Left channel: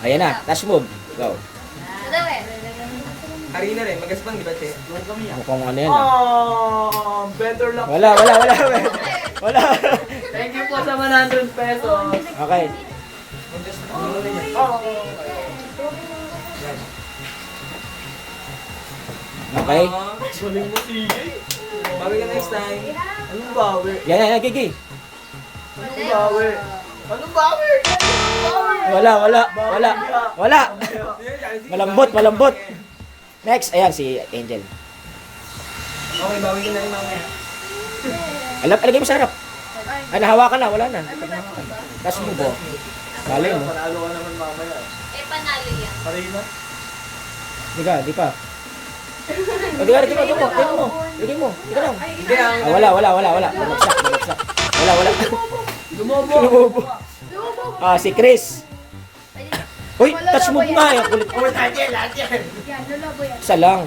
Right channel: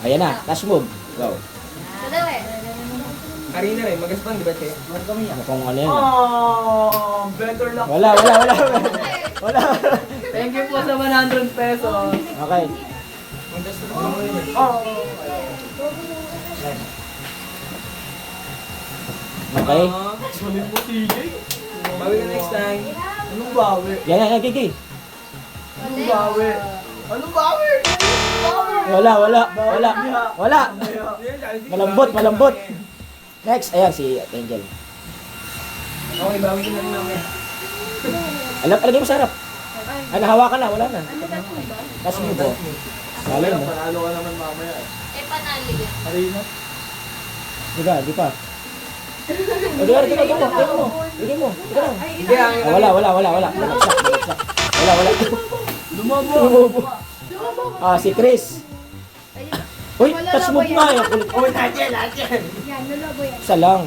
Ayan na, dash move. Go. Arena rin, magaspang di ba, Che? Mukhang ano yan. Oh, better luck. Wala. Wala. Thank you po sa 100 pesos. Okay. Oh. Okay. Sulit mo, sige. Bawi ka next time. Anong bawi? Yan, Gigi. Anong bawi? Anong bawi? Wala. Malambot. Next, ayan si Angel. Okay, bawi ka na rin mamaya. Alagay mo sa harap. Nahawakan na, wala na. Dash move po. Malay mo. Panalo ka naman mamaya. Panalo yan. Arena? Di pa. Hindi mo. Ika lang. Hindi, Wala. Wala. Lumobo. Si Chris. Uy, touch move nga. Kulit. Oh, lahat yan. Yan, lulabo yan. Isa lang.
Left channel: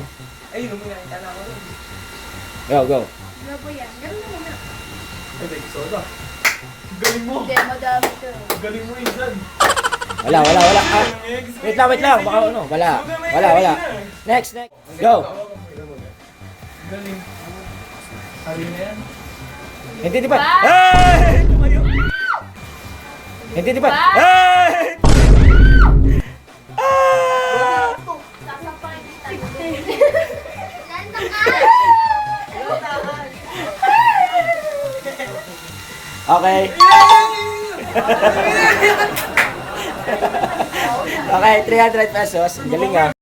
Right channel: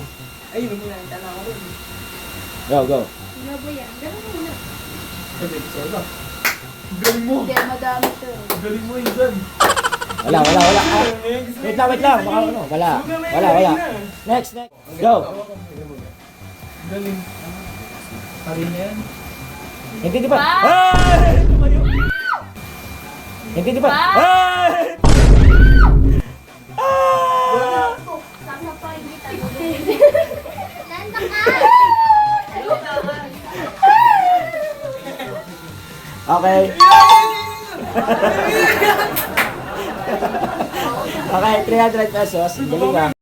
Ay, yun mo yan. Tala ko rin. Go. Lulabo yan. Ganun mo muna. Pwede, soda. Galing mo. Hindi, madami to. Galing mo yun dyan. Wala. Wait lang. Baka ano. Wala. Next. Go. Galing. Arena yan. Hindi di ba? Hey! Hindi di ba? Hey! Saka pa hindi tayo. Okay. Okay, 300 pesos. Galing ah.